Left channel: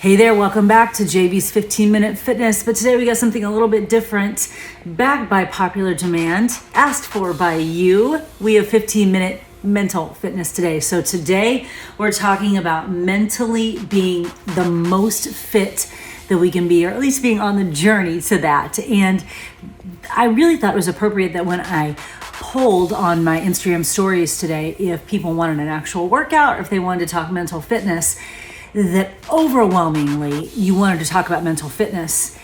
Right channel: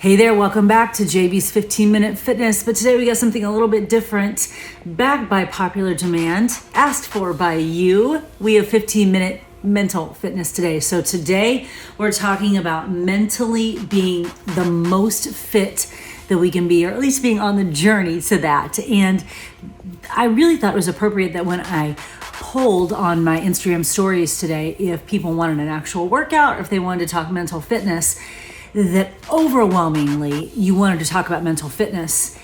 Hey there, welcome back to JV's 15-Minute Fitness, but today we got something a little bit different, backed by popular demand, asked for by you. We have 15-minute mental fitness today. So today we're talking about mentally being the most fit that we can be, or at least being on the journey to that. And I really thought it was appropriate that when I polled on my Instagram stories today if people wanted an actual workout or if they wanted to talk mental fitness, that overwhelmingly you wanted to talk about mental fitness.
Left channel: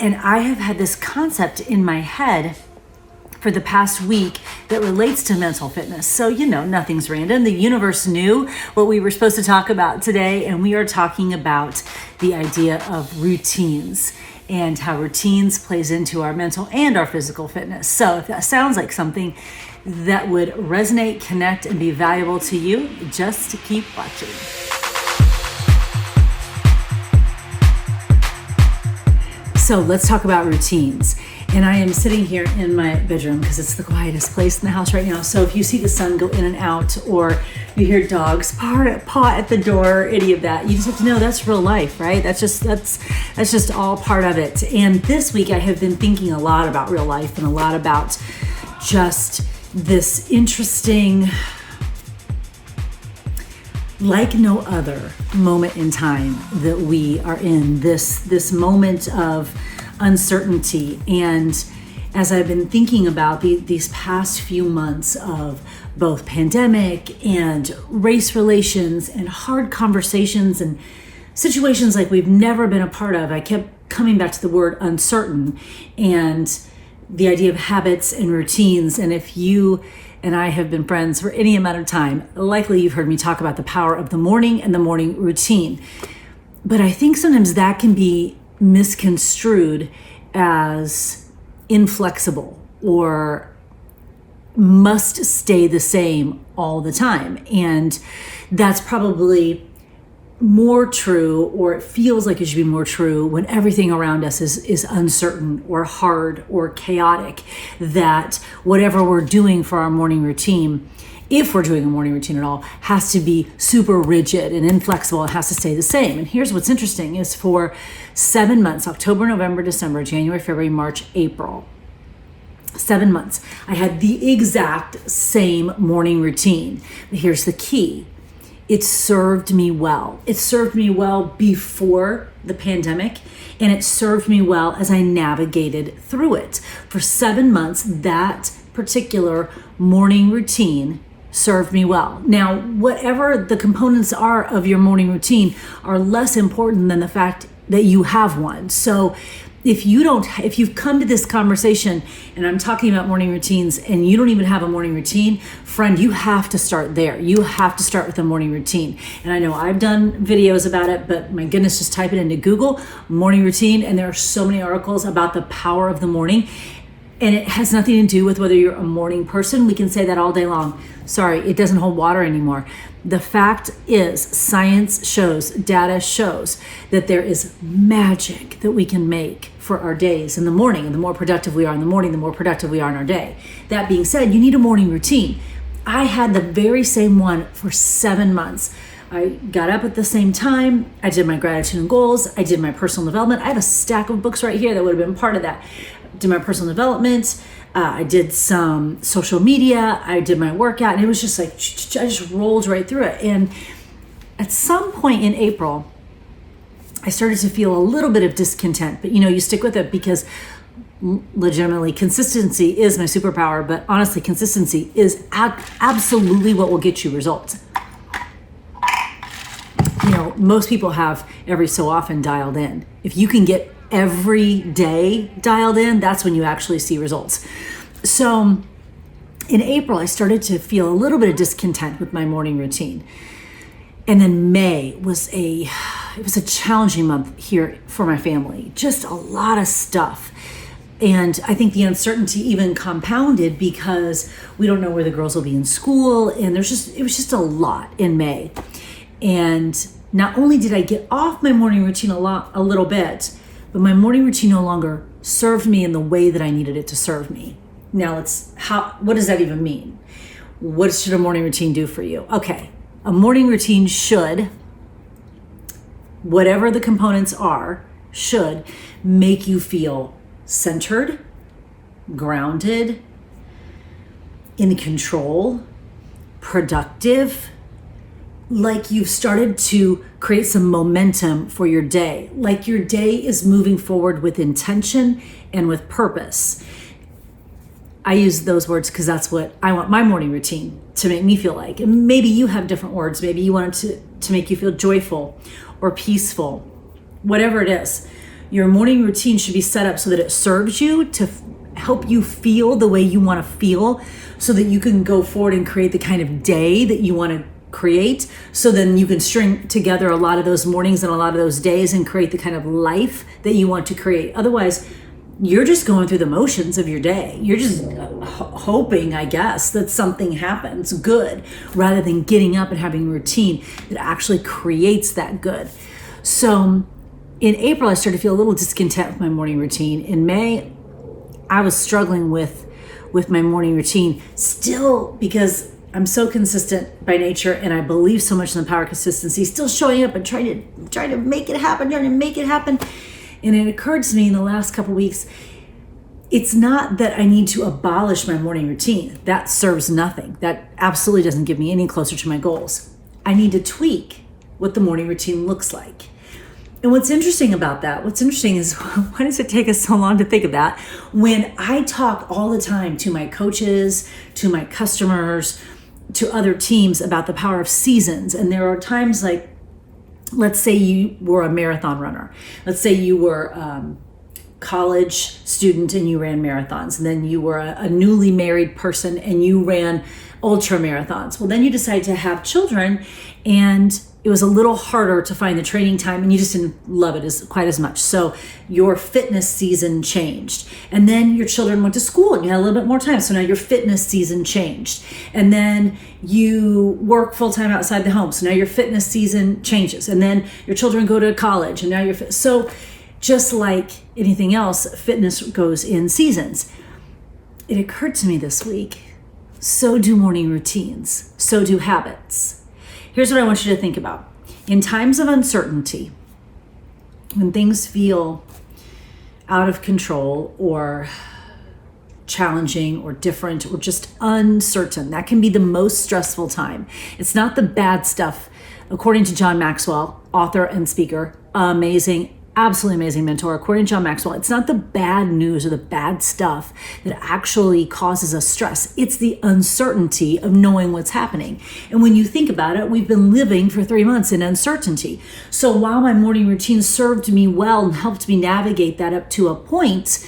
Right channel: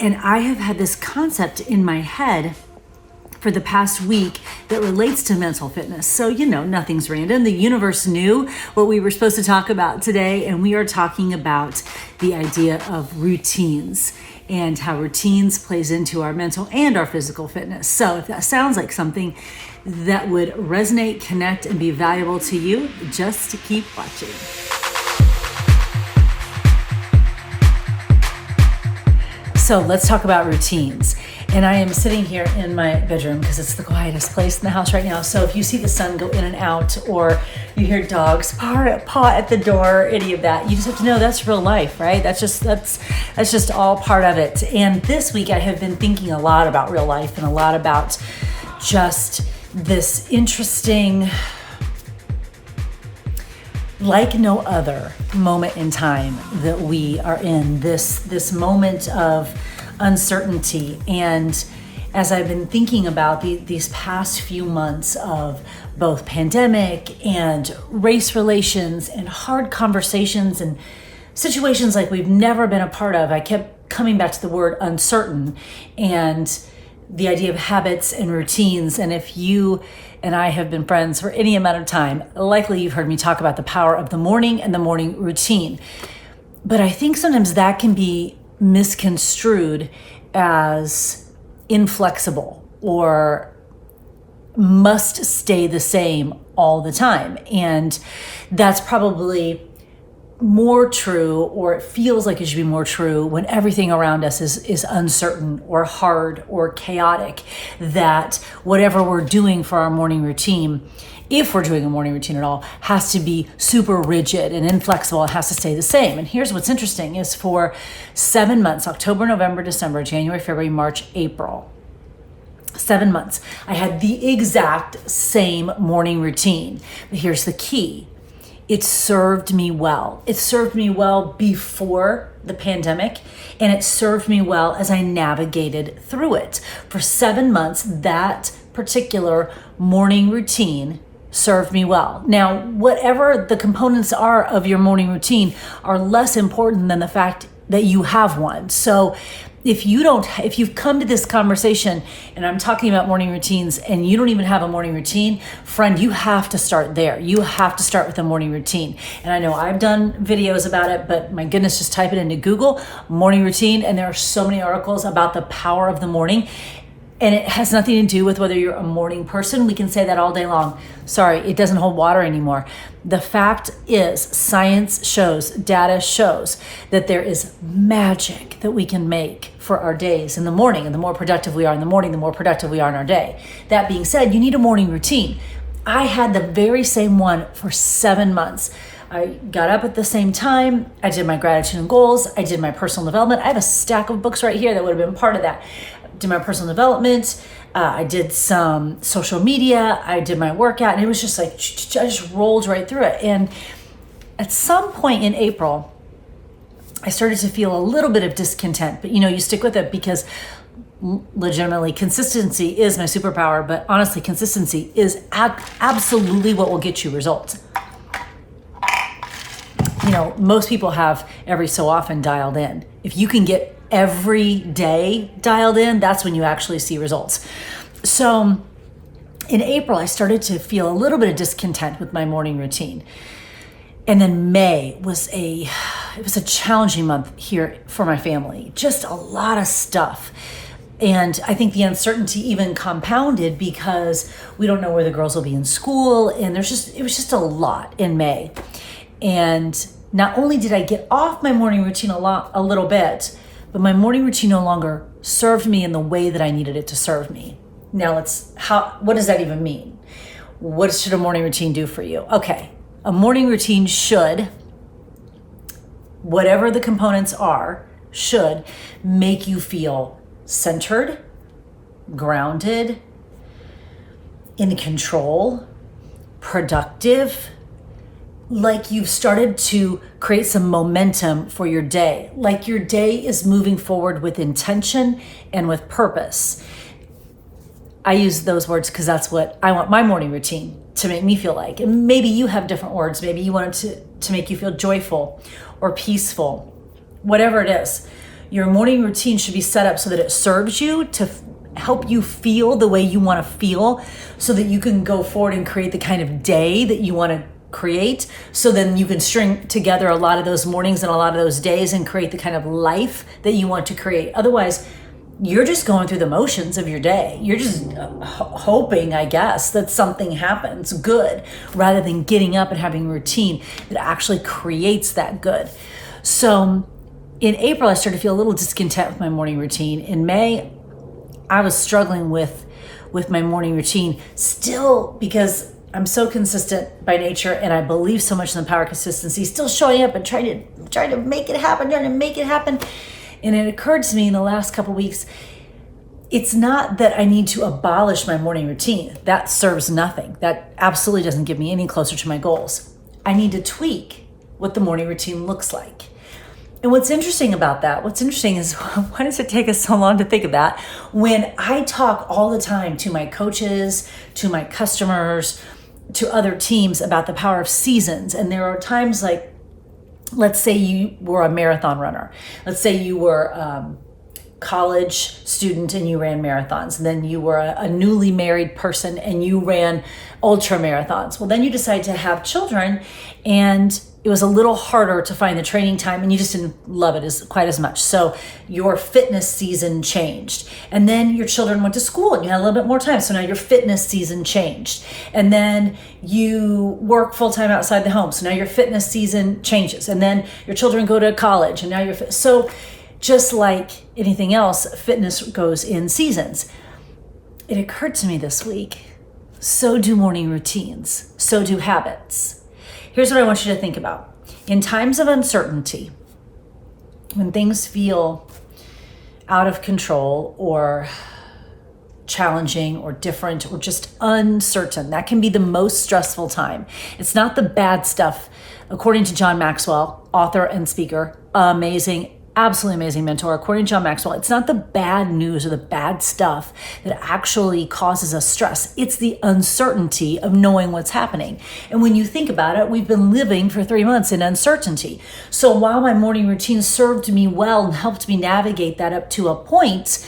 And I have had this concept in my head for the past week that relates to mental fitness. So, nothing's random. The universe knew what we were supposed to talk about today, and we are talking about the idea of routines and how routines plays into our mental and our physical fitness. So if that sounds like something that would resonate, connect, and be valuable to you, just keep watching. So let's talk about routines. And I am sitting here in my bedroom because it's the quietest place in the house right now. So if you see the sun go in and out, or you hear dogs paw at the door, any of that, you just have to know that's real life, right? That's just all part of it. And this week I have been thinking a lot about real life and a lot about just this interesting, like no other moment in time that we are in, this moment of uncertainty. And as I've been thinking about these past few months of both pandemic and race relations and hard conversations and situations like we've never been a part of, I kept coming back to the word uncertain and the idea of habits and routines. And if you and I have been friends for any amount of time, likely you've heard me talk about the power of the morning and the morning routine. But I think sometimes that can be misconstrued as inflexible or must stay the same all the time. And that's probably more true, or it feels like it should be more true, when everything around us is uncertain or hard or chaotic, that whatever we're doing for our morning routine, if we're doing a morning routine at all, has to be super rigid and inflexible. It has to stay the same. And here's what's interesting is for 7 months, October, November, December, January, February, March, April, 7 months, I had the exact same morning routine. But here's the key. It served me well. It served me well before the pandemic, and it served me well as I navigated through it. For 7 months, that particular morning routine served me well. Now, whatever the components are of your morning routine are less important than the fact that you have one. So if you've come to this conversation and I'm talking about morning routines and you don't even have a morning routine, friend, you have to start there. You have to start with a morning routine. And I know I've done videos about it, but my goodness, just type it into Google, morning routine, and there are so many articles about the power of the morning. And it has nothing to do with whether you're a morning person. We can say that all day long. Sorry, it doesn't hold water anymore. The fact is, science shows, data shows that there is magic that we can make for our days in the morning. And the more productive we are in the morning, the more productive we are in our day. That being said, you need a morning routine. I had the very same one for 7 months. I got up at the same time. I did my gratitude and goals. I did my personal development. I have a stack of books right here that would have been part of that. I did my personal development. I did some social media. I did my workout. And it was just like, I just rolled right through it. And at some point in April, I started to feel a little bit of discontent. But you stick with it because legitimately consistency is my superpower. But honestly, consistency is absolutely what will get you results. Most people have every so often dialed in. If you can get every day dialed in, that's when you actually see results. So in April, I started to feel a little bit of discontent with my morning routine. And then May was a challenging month here for my family. Just a lot of stuff. And I think the uncertainty even compounded because we don't know where the girls will be in school. And it was just a lot in May. And not only did I get off my morning routine a little bit, but my morning routine no longer served me in the way that I needed it to serve me. Now what does that even mean? What should a morning routine do for you? Okay, a morning routine should whatever the components are, should make you feel centered, grounded, in control, productive, like you've started to create some momentum for your day, like your day is moving forward with intention and with purpose. I use those words because that's what I want my morning routine to make me feel like. And maybe you have different words. Maybe you want it to make you feel joyful or peaceful, whatever it is. Your morning routine should be set up so that it serves you to help you feel the way you want to feel, so that you can go forward and create the kind of day that you want to create. So then you can string together a lot of those mornings and a lot of those days and create the kind of life that you want to create. Otherwise, you're just going through the motions of your day. You're just hoping, I guess, that something happens good, rather than getting up and having a routine that actually creates that good. So in April, I started to feel a little discontent with my morning routine. In May, I was struggling with my morning routine still, because I'm so consistent by nature and I believe so much in the power of consistency, still showing up and trying to make it happen, And it occurred to me in the last couple weeks, it's not that I need to abolish my morning routine. That serves nothing. That absolutely doesn't get me any closer to my goals. I need to tweak what the morning routine looks like. And what's interesting is, why does it take us so long to think of that? When I talk all the time to my coaches, to my customers, to other teams about the power of seasons. And there are times like, let's say you were a marathon runner. Let's say you were a college student and you ran marathons. And then you were a newly married person and you ran ultra marathons. Well, then you decided to have children, and it was a little harder to find the training time, and you just didn't love it quite as much. So your fitness season changed. And then your children went to school and you had a little bit more time. So now your fitness season changed. And then you work full-time outside the home. So now your fitness season changes. And then your children go to college and now you're so just like anything else, fitness goes in seasons. It occurred to me this week, so do morning routines, so do habits. Here's what I want you to think about. In times of uncertainty, when things feel out of control or challenging or different or just uncertain, that can be the most stressful time. It's not the bad stuff. According to John Maxwell, author and speaker, absolutely amazing mentor. According to John Maxwell, it's not the bad news or the bad stuff that actually causes us stress. It's the uncertainty of knowing what's happening. And when you think about it, we've been living for 3 months in uncertainty. So while my morning routine served me well and helped me navigate that up to a point,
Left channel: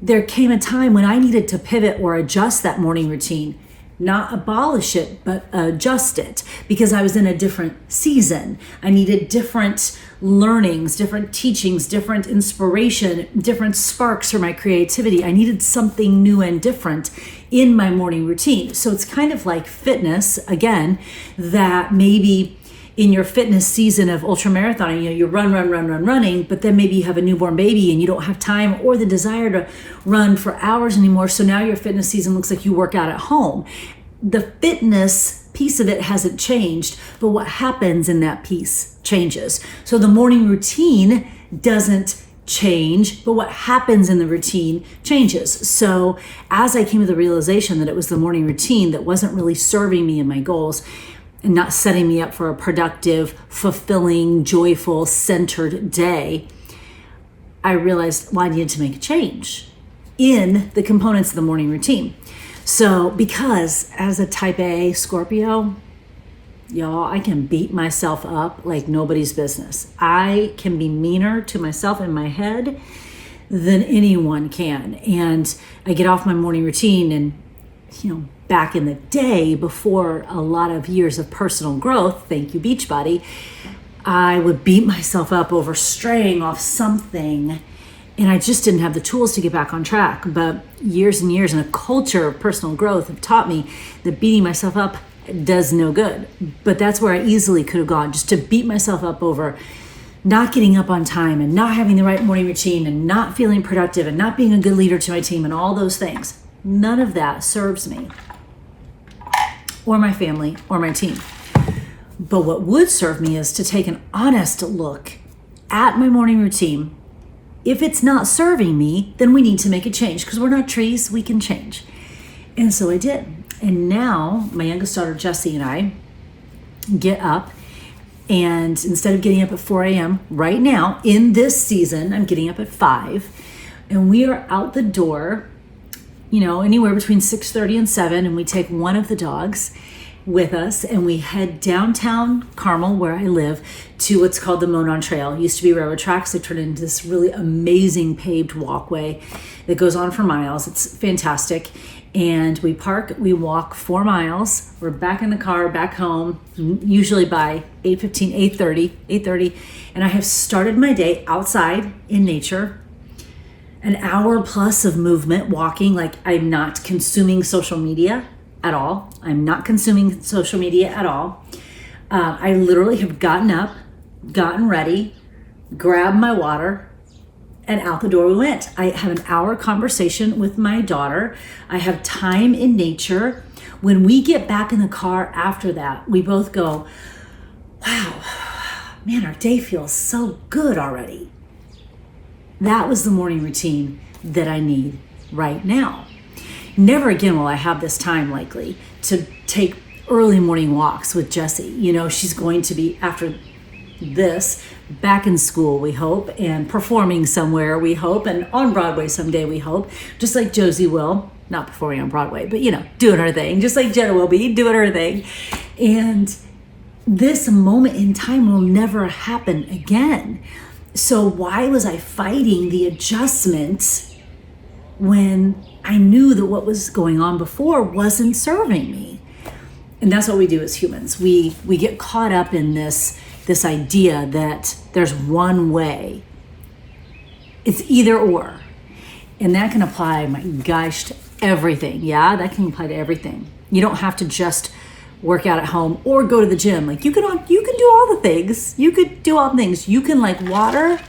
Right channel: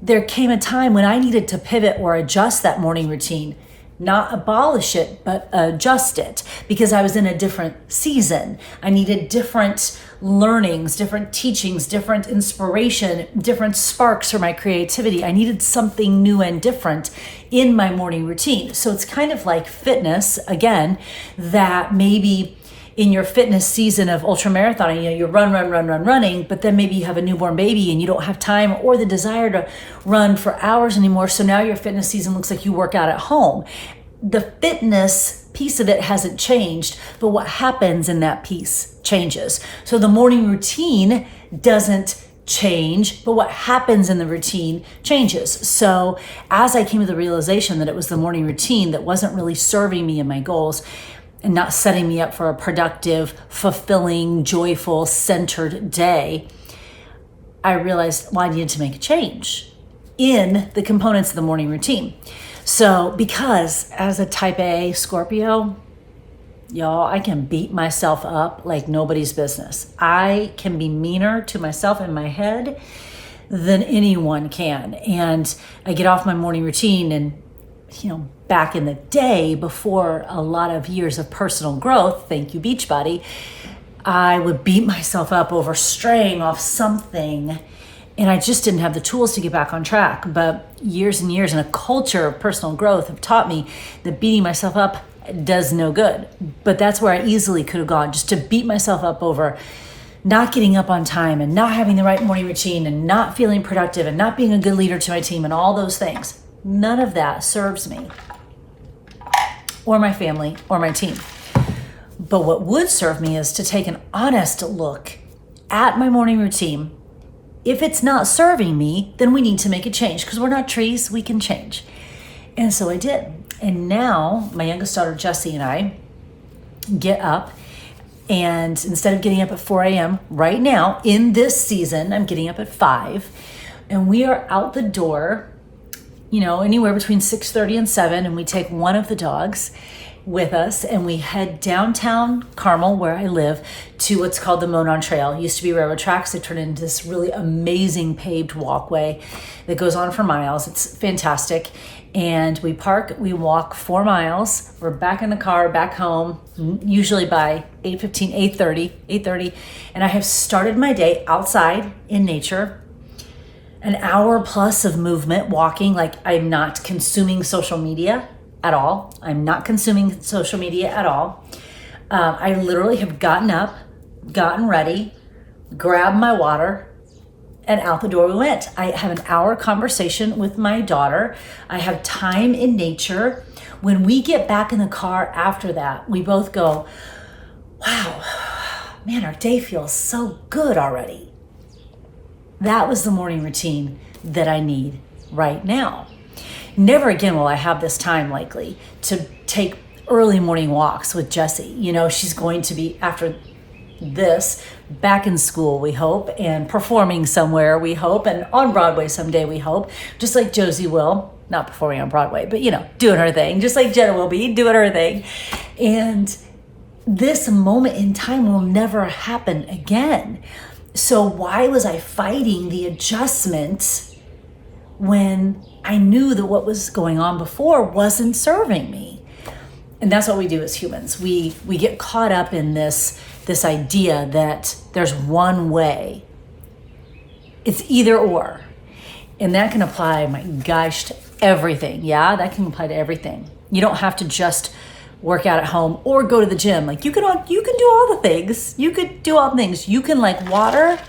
there came a time when I needed to pivot or adjust that morning routine. Not abolish it, but adjust it, because I was in a different season. I needed different learnings, different teachings, different inspiration, different sparks for my creativity. I needed something new and different in my morning routine. So it's kind of like fitness, again, that maybe in your fitness season of ultramarathon, you running, but then maybe you have a newborn baby and you don't have time or the desire to run for hours anymore. So now your fitness season looks like you work out at home. The fitness piece of it hasn't changed, but what happens in that piece changes. So the morning routine doesn't change, but what happens in the routine changes. So as I came to the realization that it was the morning routine that wasn't really serving me and my goals, and not setting me up for a productive, fulfilling, joyful, centered day, I realized, I needed to make a change in the components of the morning routine. So because as a type A Scorpio, y'all, I can beat myself up like nobody's business. I can be meaner to myself in my head than anyone can. And I get off my morning routine and, back in the day, before a lot of years of personal growth, thank you Beachbody, I would beat myself up over straying off something, and I just didn't have the tools to get back on track. But years and years in a culture of personal growth have taught me that beating myself up does no good. But that's where I easily could have gone, just to beat myself up over not getting up on time and not having the right morning routine and not feeling productive and not being a good leader to my team and all those things. None of that serves me or my family or my team. But what would serve me is to take an honest look at my morning routine. If it's not serving me, then we need to make a change, because we're not trees, we can change. And so I did. And now my youngest daughter, Jessie, and I get up, and instead of getting up at 4 a.m. right now, in this season, I'm getting up at 5, and we are out the door, anywhere between 6:30 and 7, and we take one of the dogs with us, and we head downtown Carmel, where I live, to what's called the Monon Trail. It used to be railroad tracks. They turned into this really amazing paved walkway that goes on for miles. It's fantastic. And we park, we walk 4 miles. We're back in the car, back home, usually by 8:15, 8:30. And I have started my day outside in nature, an hour plus of movement, walking. Like, I'm not consuming social media at all. I literally have gotten up, gotten ready, grabbed my water, and out the door we went. I have an hour conversation with my daughter. I have time in nature. When we get back in the car after that, we both go, wow, man, our day feels so good already. That was the morning routine that I need right now. Never again will I have this time likely to take early morning walks with Jessie. She's going to be, after this, back in school, we hope, and performing somewhere, we hope, and on Broadway someday, we hope, just like Josie will, not performing on Broadway, but doing her thing, just like Jenna will be doing her thing. And this moment in time will never happen again. So why was I fighting the adjustment when I knew that what was going on before wasn't serving me? And that's what we do as humans. We get caught up in this idea that there's one way. It's either or. And that can apply, my gosh, to everything. Yeah, that can apply to everything. You don't have to just work out at home or go to the gym. Like, you can do all the things. You could do all the things. You can like water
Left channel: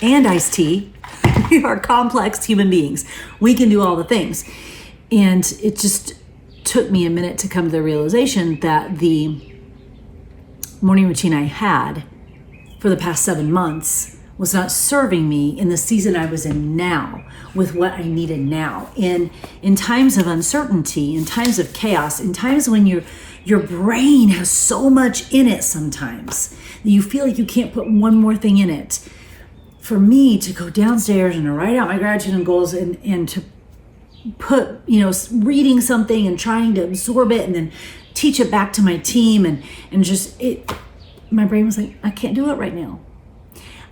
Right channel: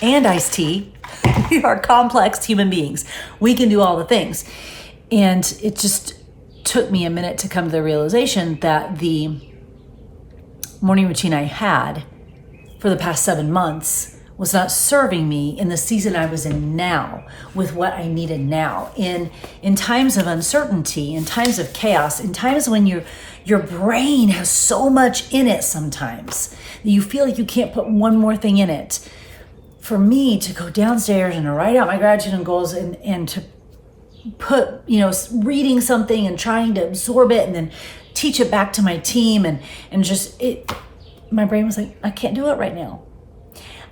and iced tea. We are complex human beings. We can do all the things. And it just took me a minute to come to the realization that the morning routine I had for the past 7 months was not serving me in the season I was in now, with what I needed now. In times of uncertainty, in times of chaos, in times when your brain has so much in it sometimes that you feel like you can't put one more thing in it. For me to go downstairs and to write out my gratitude and goals and to put, reading something and trying to absorb it and then teach it back to my team and just my brain was like, I can't do it right now.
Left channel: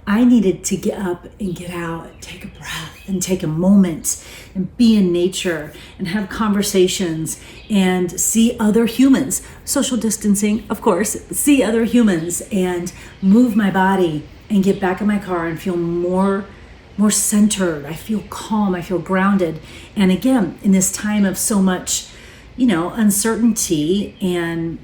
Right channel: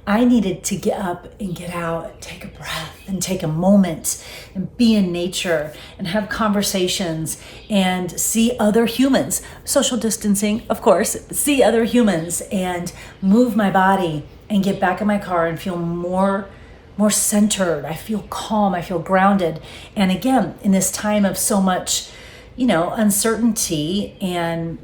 I needed to get up and get out, take a breath and take a moment and be in nature and have conversations and see other humans, social distancing, of course, see other humans and move my body and get back in my car and feel more centered. I feel calm, I feel grounded. And again, in this time of so much, uncertainty and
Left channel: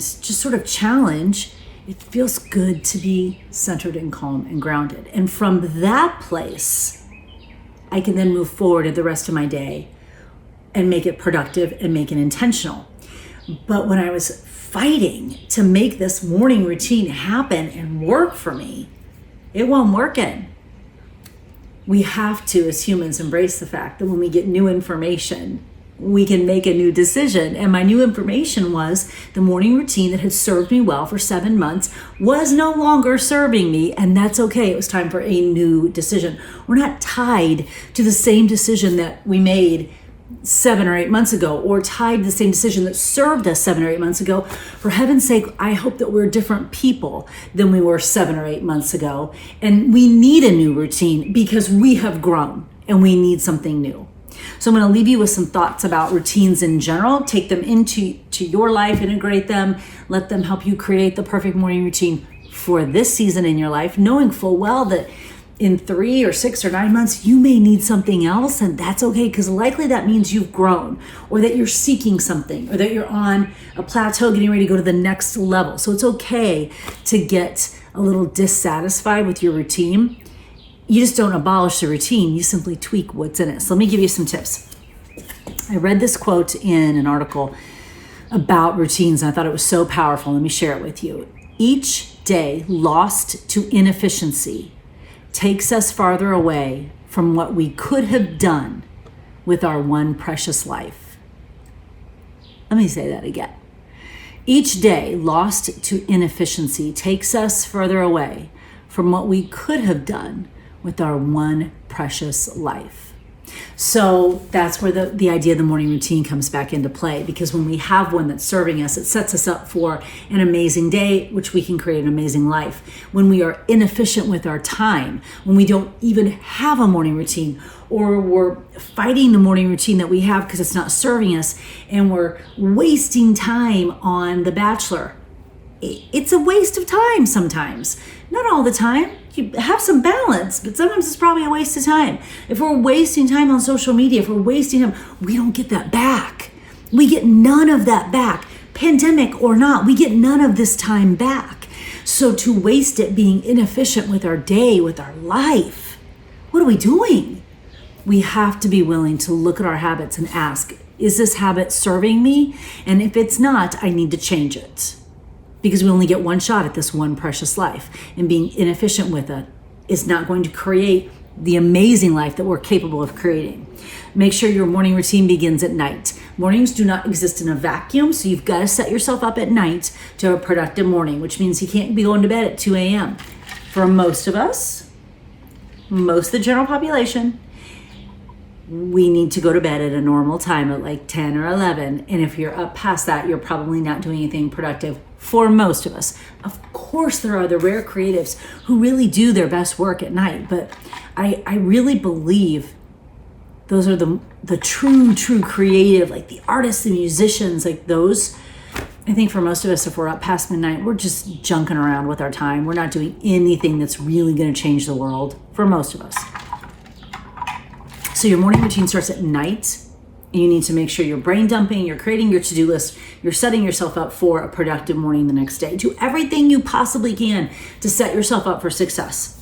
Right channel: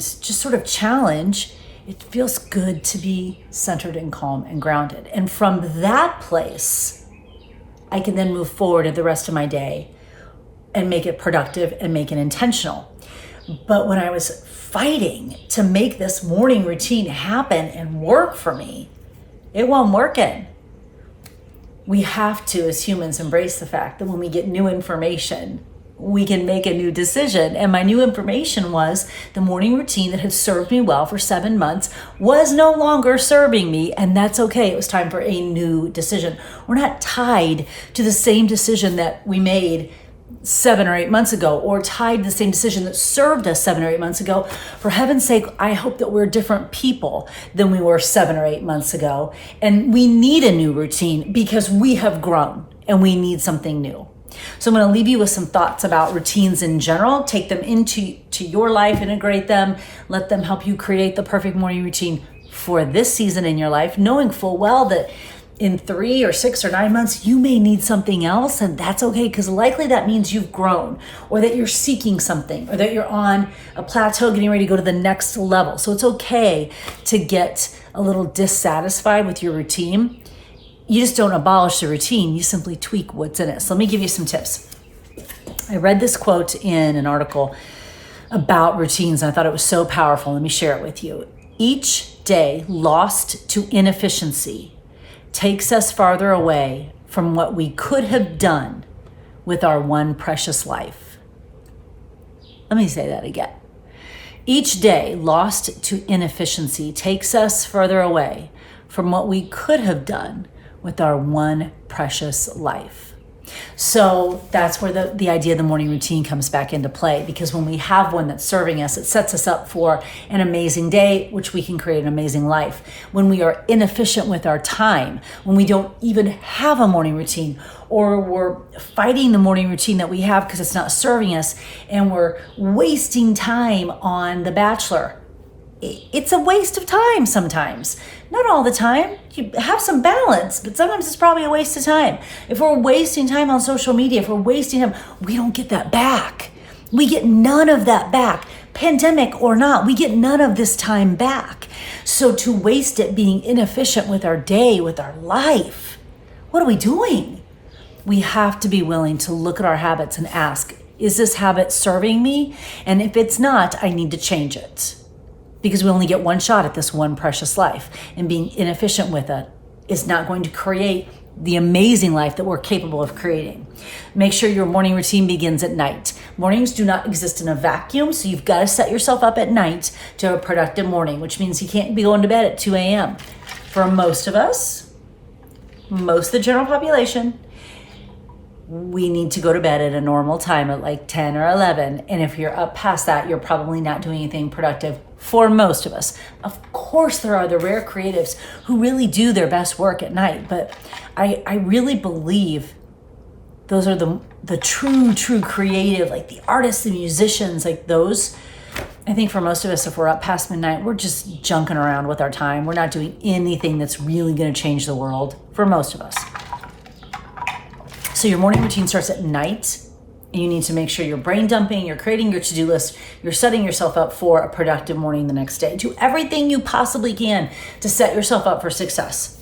just sort of challenge, it feels good to be centered and calm and grounded. And from that place, I can then move forward in the rest of my day and make it productive and make it intentional. But when I was fighting to make this morning routine happen and work for me, it wasn't working. We have to, as humans, embrace the fact that when we get new information, we can make a new decision. And my new information was the morning routine that had served me well for 7 months was no longer serving me, and that's okay. It was time for a new decision. We're not tied to the same decision that we made 7 or 8 months ago, or tied to the same decision that served us 7 or 8 months ago. For heaven's sake, I hope that we're different people than we were 7 or 8 months ago. And we need a new routine because we have grown and we need something new. So I'm going to leave you with some thoughts about routines in general. Take them into your life, integrate them, let them help you create the perfect morning routine for this season in your life, knowing full well that in 3 or 6 or 9 months, you may need something else, and that's okay, because likely that means you've grown, or that you're seeking something, or that you're on a plateau getting ready to go to the next level. So it's okay to get a little dissatisfied with your routine. You just don't abolish the routine, you simply tweak what's in it. So let me give you some tips. I read this quote in an article about routines, and I thought it was so powerful. Let me share it with you. Each day lost to inefficiency takes us farther away from what we could have done with our one precious life. Let me say that again. Each day lost to inefficiency takes us further away from what we could have done with our one precious life. So that's where the idea of the morning routine comes back into play, because when we have one that's serving us, it sets us up for an amazing day, which we can create an amazing life. When we are inefficient with our time, when we don't even have a morning routine, or we're fighting the morning routine that we have because it's not serving us, and we're wasting time on The Bachelor, it's a waste of time sometimes. Not all the time. You have some balance, but sometimes it's probably a waste of time. If we're wasting time on social media, if we're wasting time, we don't get that back. We get none of that back. Pandemic or not, we get none of this time back. So to waste it being inefficient with our day, with our life, what are we doing? We have to be willing to look at our habits and ask, is this habit serving me? And if it's not, I need to change it. Because we only get one shot at this one precious life, and being inefficient with it is not going to create the amazing life that we're capable of creating. Make sure your morning routine begins at night. Mornings do not exist in a vacuum, so you've got to set yourself up at night to have a productive morning, which means you can't be going to bed at 2 a.m. For most of us, most of the general population, we need to go to bed at a normal time at like 10 or 11. And if you're up past that, you're probably not doing anything productive for most of us. Of course, there are the rare creatives who really do their best work at night, but I really believe those are the true creative, like the artists and musicians, like those. I think for most of us, if we're up past midnight, we're just junking around with our time. We're not doing anything that's really going to change the world for most of us. So your morning routine starts at night, and you need to make sure you're brain dumping, you're creating your to-do list, you're setting yourself up for a productive morning the next day. Do everything you possibly can to set yourself up for success.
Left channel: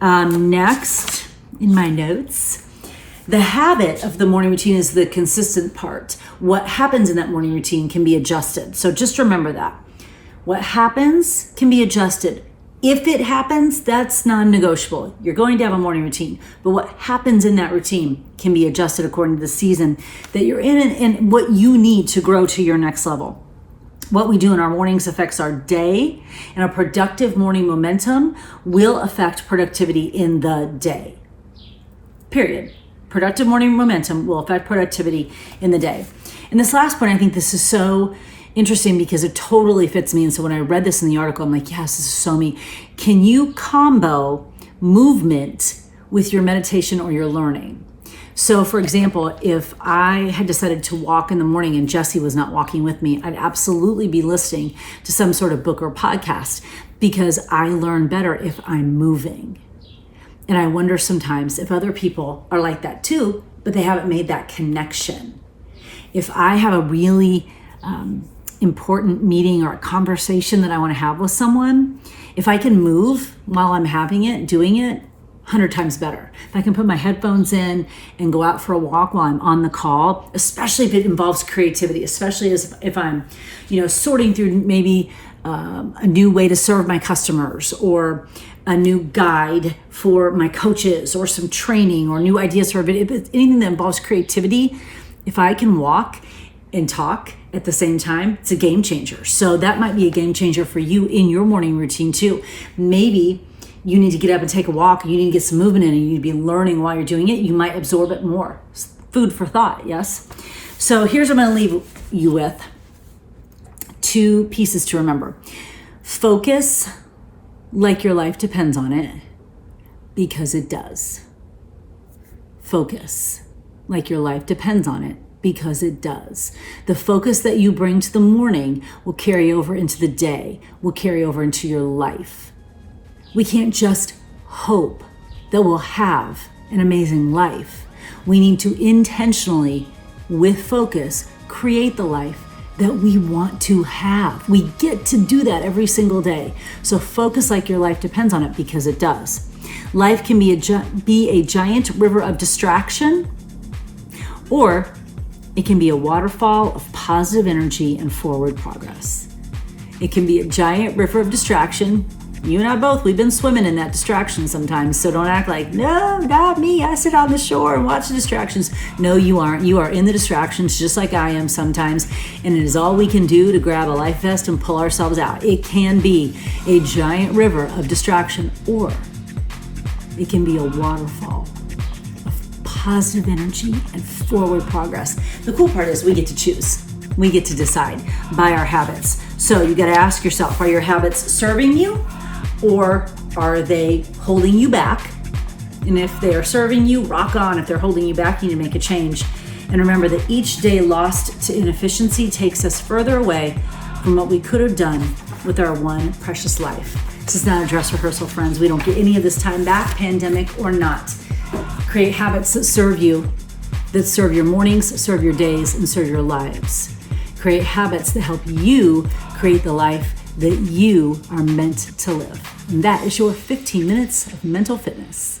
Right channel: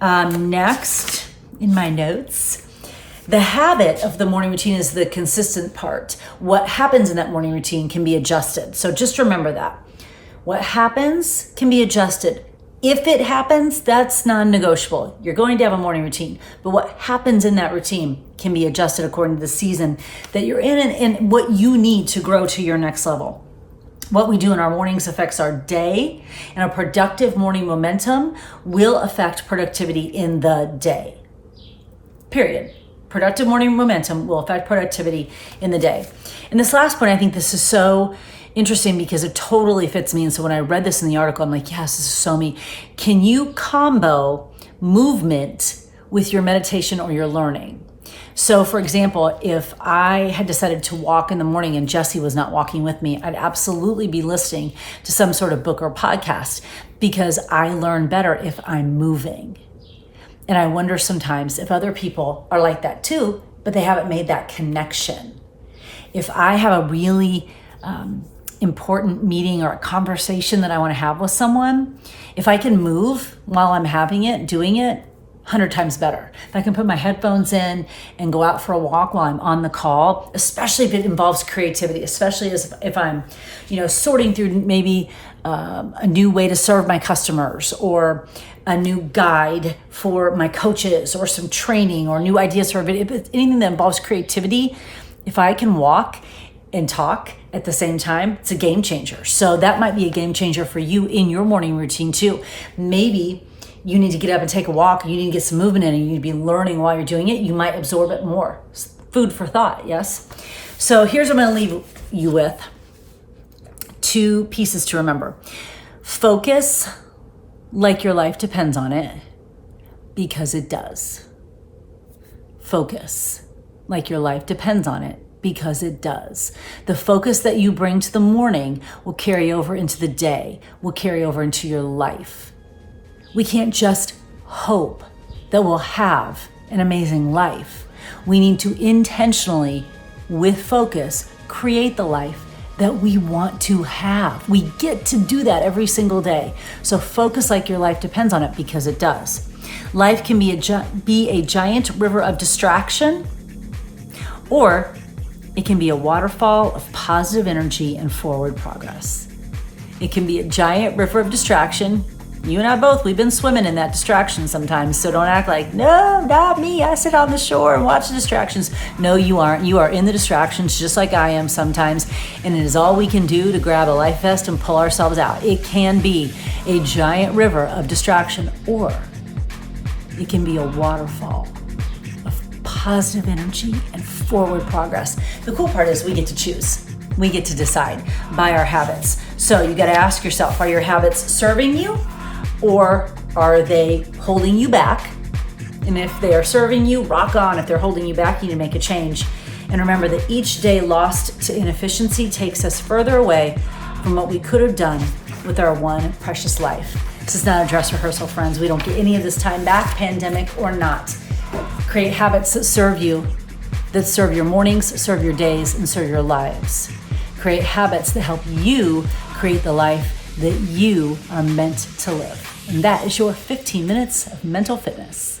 Next, in my notes, the habit of the morning routine is the consistent part. What happens in that morning routine can be adjusted. So just remember that. What happens can be adjusted. If it happens, that's non-negotiable. You're going to have a morning routine, but what happens in that routine can be adjusted according to the season that you're in and what you need to grow to your next level. What we do in our mornings affects our day, and a productive morning momentum will affect productivity in the day. Period. Productive morning momentum will affect productivity in the day. And this last point, I think this is so interesting because it totally fits me. And so when I read this in the article, I'm like, yes, this is so me. Can you combo movement with your meditation or your learning? So for example, if I had decided to walk in the morning and Jesse was not walking with me, I'd absolutely be listening to some sort of book or podcast, because I learn better if I'm moving. And I wonder sometimes if other people are like that too, but they haven't made that connection. If I have a really important meeting or a conversation that I want to have with someone, if I can move while I'm having it, doing it, 100 times better. If I can put my headphones in and go out for a walk while I'm on the call, especially if it involves creativity, especially if I'm, sorting through maybe a new way to serve my customers, or a new guide for my coaches, or some training or new ideas for a video, anything that involves creativity. If I can walk and talk at the same time, it's a game changer. So that might be a game changer for you in your morning routine too. Maybe you need to get up and take a walk, you need to get some movement in, and you need to be learning while you're doing it. You might absorb it more. Food for thought, yes? So here's what I'm gonna leave you with. 2 pieces to remember. Focus like your life depends on it, because it does. Focus like your life depends on it, because it does. The focus that you bring to the morning will carry over into the day, will carry over into your life. We can't just hope that we'll have an amazing life. We need to intentionally, with focus, create the life that we want to have. We get to do that every single day. So focus like your life depends on it, because it does. Life can be a giant river of distraction, or it can be a waterfall of positive energy and forward progress. It can be a giant river of distraction. You and I both, we've been swimming in that distraction sometimes. So don't act like, no, not me. I sit on the shore and watch the distractions. No, you aren't. You are in the distractions just like I am sometimes. And it is all we can do to grab a life vest and pull ourselves out. It can be a giant river of distraction, or it can be a waterfall of positive energy and forward progress. The cool part is we get to choose. We get to decide by our habits. So you got to ask yourself, are your habits serving you? Or are they holding you back? And if they are serving you, rock on. If they're holding you back, you need to make a change. And remember that each day lost to inefficiency takes us further away from what we could have done with our one precious life. This is not a dress rehearsal, friends. We don't get any of this time back, pandemic or not. Create habits that serve you, that serve your mornings, serve your days, and serve your lives. Create habits that help you create the life that you are meant to live. And that is your 15 minutes of mental fitness.